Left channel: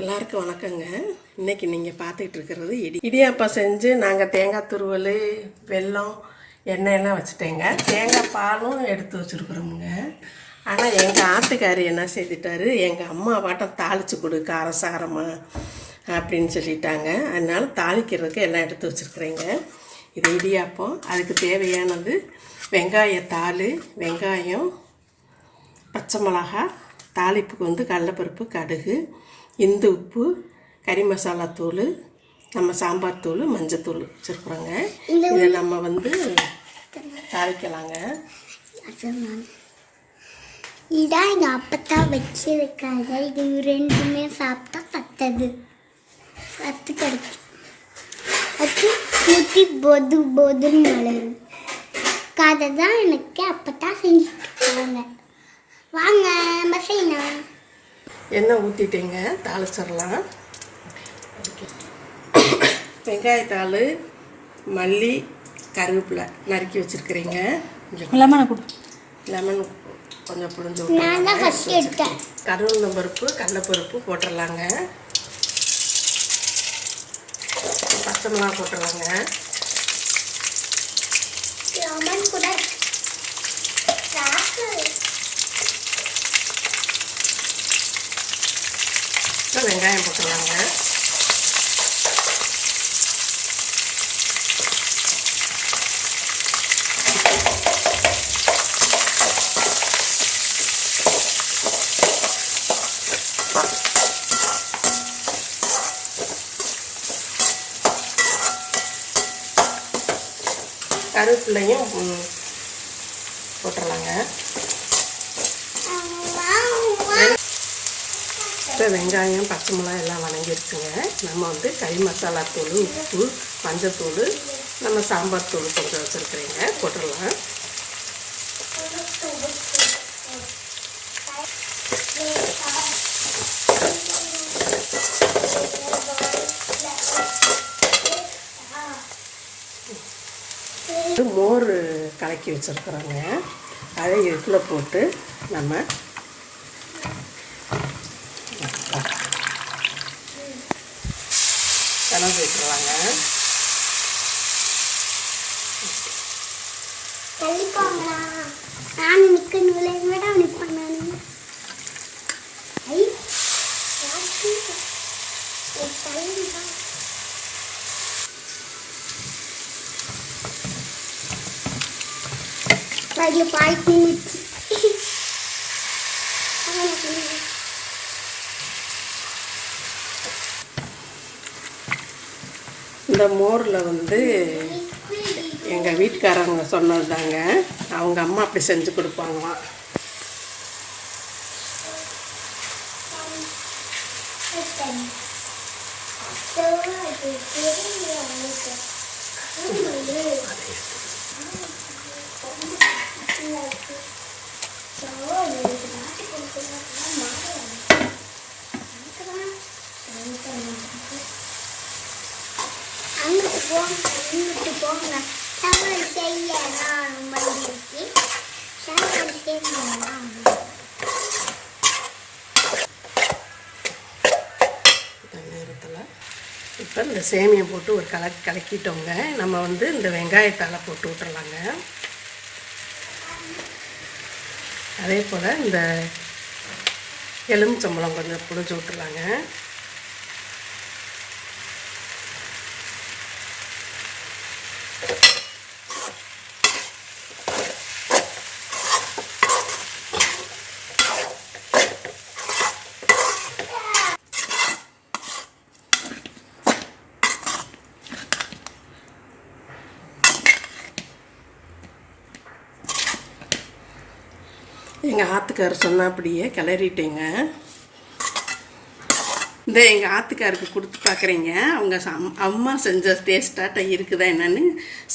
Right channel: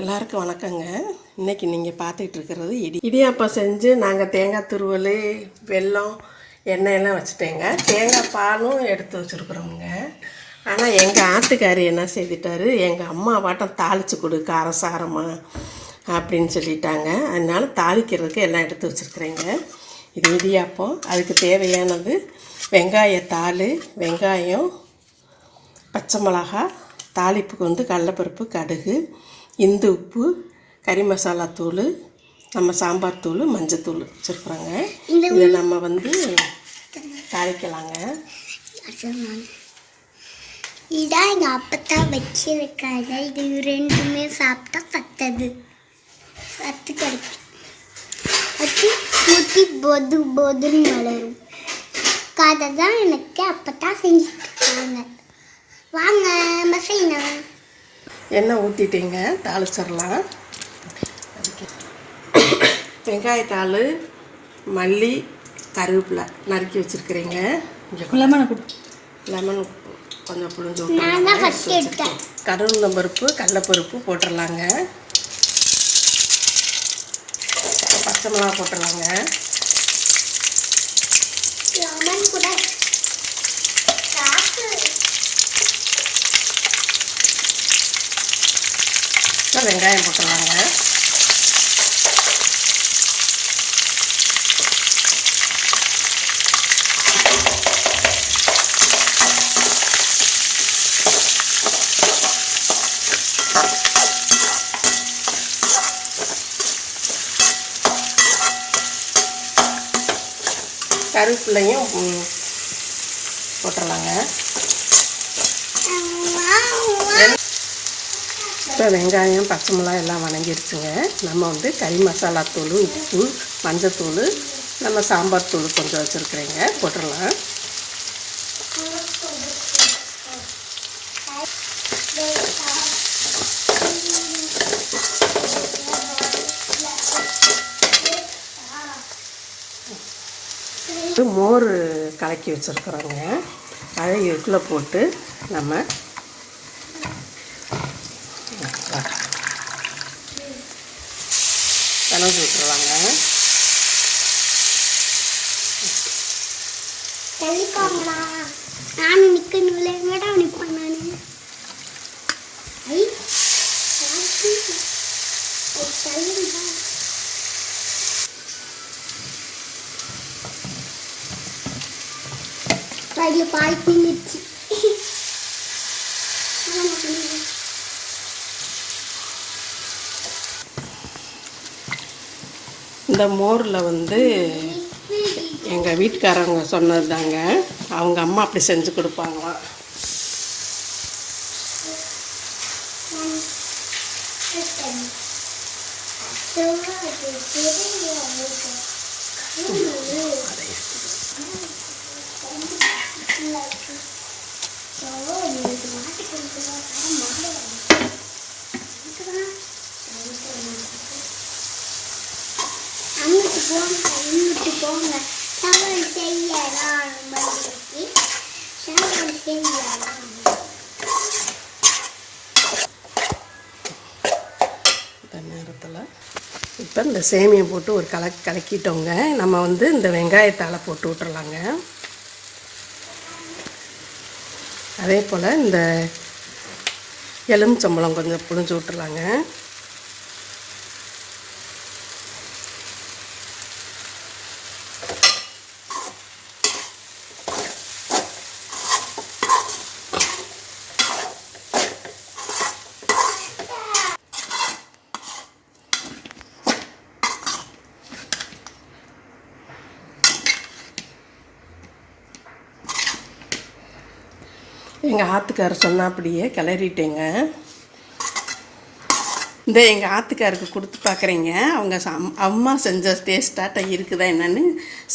எல்லாருக்கும் வணக்கங்க. இன்றைக்கி நீங்கள் பார்த்துக்கிட்டு இருக்கிறது இடியாப்பம் செஞ்சு நாங்கள் தேங்காய் துருவல், வெல்லம், எண்ணெயெல்லாம் வச்சுட்டேங்க. தேங்காய் பாலும் எடுத்து வச்சுருக்குறோமுங்க. ஆனால் எங்கள் ஆட்டுக்காரி என்ன செய்துட்டாரு, எங்கள் அம்மா வாட்டம் தாளித்து கொடு காரசாரமாக அப்படின்னு சொல்லிட்டாங்க. அதனால தாளிக்கிறதுக்கு எல்லாம் எடுத்து வச்சுருக்குறேங்க. இது இடியாப்பம். அதுக்கு தேவையானது வெங்காயத்தாள், வெங்காயம், பச்சை மிளகா, தாளிப்புக்கு வந்து கடலைப்பருப்பு, கடுகு, இந்து உப்பு, கறி மசாலா தூள், நம்ம சாம்பார் தூள், மஞ்சத்தூள் வச்சுருக்குறோங்க. இதை நம்ம வந்து தாளிக்கலாங்க. இதான் எங்கள் அப்பத்தான் வச்சிருக்காங்க. இது ரெண்டுமே சாப்பிட்டா சத்தது சத்து கிடைக்கும். வச்சு ஊற்றி பொது பொதுன்னு வளரும். கதை தான் எனக்கு அப்பத்தான் செஞ்சுட்டு இருக்காங்க. வாங்க மசைனா எண்ணெய் ஊற்றிட்டீங்க, தாளிச்சிடலாம். வெங்காயத்தாள், மல்லி, கருவேப்பிலை நறுக்கி வச்சுருக்கிறீங்க. லெமன் கொஞ்சம் புளிஞ்சு விட்டு கடலைப்பருப்பு, கடலைப்பருப்பு போட்டுடலாங்க. பச்சை மிளகா போட்டுடலாங்க. வெங்காயம் போட்டுருவாங்க. கருவேப்பிலையும் போட்டுடலாங்க. இப்போ வெங்காயம், பச்சை மிளகாய் எல்லாம் வணங்கிடுச்சுங்க. நம்ம வந்து கறி மசாலா தூள், உப்பு, மஞ்சத்தூள், நம்ம சாம்பார் தூள் கொஞ்சம் வச்சுருக்குறேங்க, போட்டுடலாம். மோர் கலக்கி வச்சுருக்குறோங்க. அதை இதுக்குள்ளே போட்டு நம்ம கலந்து வச்சுருவாங்க. இந்த மோரில் வந்து எங்கள் வீட்டுக்காரவங்க சொன்னது தாங்க. அவங்க அம்மா அப்படி செஞ்சு கொடுப்பாங்களாம். போங்க சமையல் செய்யலாம். சமையல் செய்யலாம். இந்த நேரத்தில் இப்போ இந்த சேமியை போட்டு ஒரு கலக்கிட்டோங்க. நம்ம வந்து இந்த வெங்காயத்தாளை போட்டு விட்டுறலாங்க. அதே போல் இந்த எலுமிச்சம்பழம் கொஞ்சம் புளிஞ்சு விட்டுறலாங்க. எங்கள் ஆத்துக்காரர் சொன்னால் அப்படியே கிளறிட்டேங்க. இந்த எங்கள் ஆத்துக்காருக்கு கொடுத்து பார்க்குறீங்க. அவங்க அம்மா செஞ்ச டேஸ்ட்டாட்ட இருக்குதா என்னன்னு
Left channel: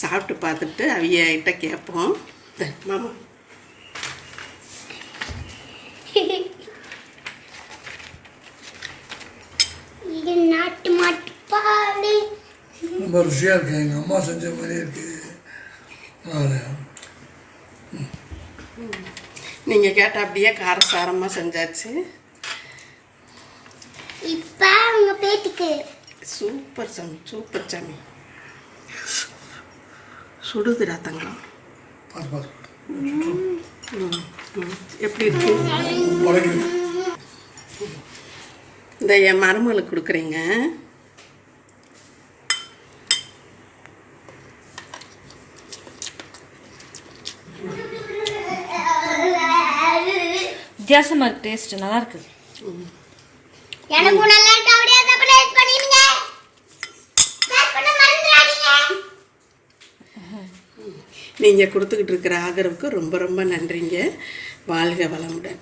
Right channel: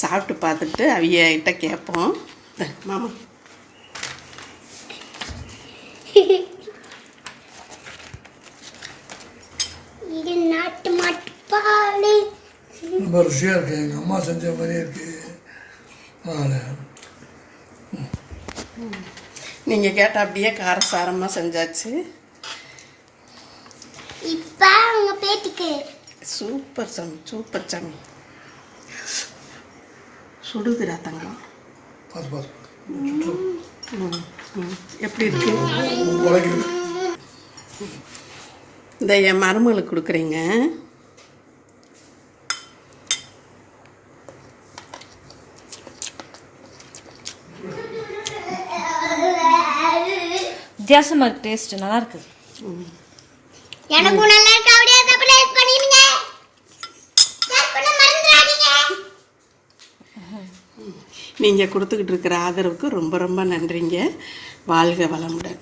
சாப்பிட்டு பார்த்துட்டு அவியிட்ட கேட்போம். மாமா இது நாட்டு மாட்டு பால் ரொம்ப ருசியாக இருக்குது. எங்கள் அம்மா செஞ்ச மாதிரியே இருக்குது. நீங்கள் கேட்டால் அப்படியே காரசாரமாக செஞ்சாச்சு. இப்போ பேத்திக்கு சூப்பர் சாமி, சூப்பர் சாமி. சுடுதுடா தங்கம். பார்த்து பார்த்து எப்படி இருக்கு? உடைக்குது. இந்த என் மருமகளுக்கு கொடுக்குறீங்க. வித்தியாசமாக இருக்கு, டேஸ்ட் நல்லா இருக்கு. எனக்கும் நல்லா இருக்கு. அப்படியே சர்ப்ரைஸ் பண்ணிடுங்க. ஷேர் பண்ண மறந்துடாதீங்க. நீங்கள் கொடுத்துக்கிட்டு இருக்கிற ஆதரவுக்கு ரொம்ப ரொம்ப நன்றிங்க. வாழ்க வளமுடன்.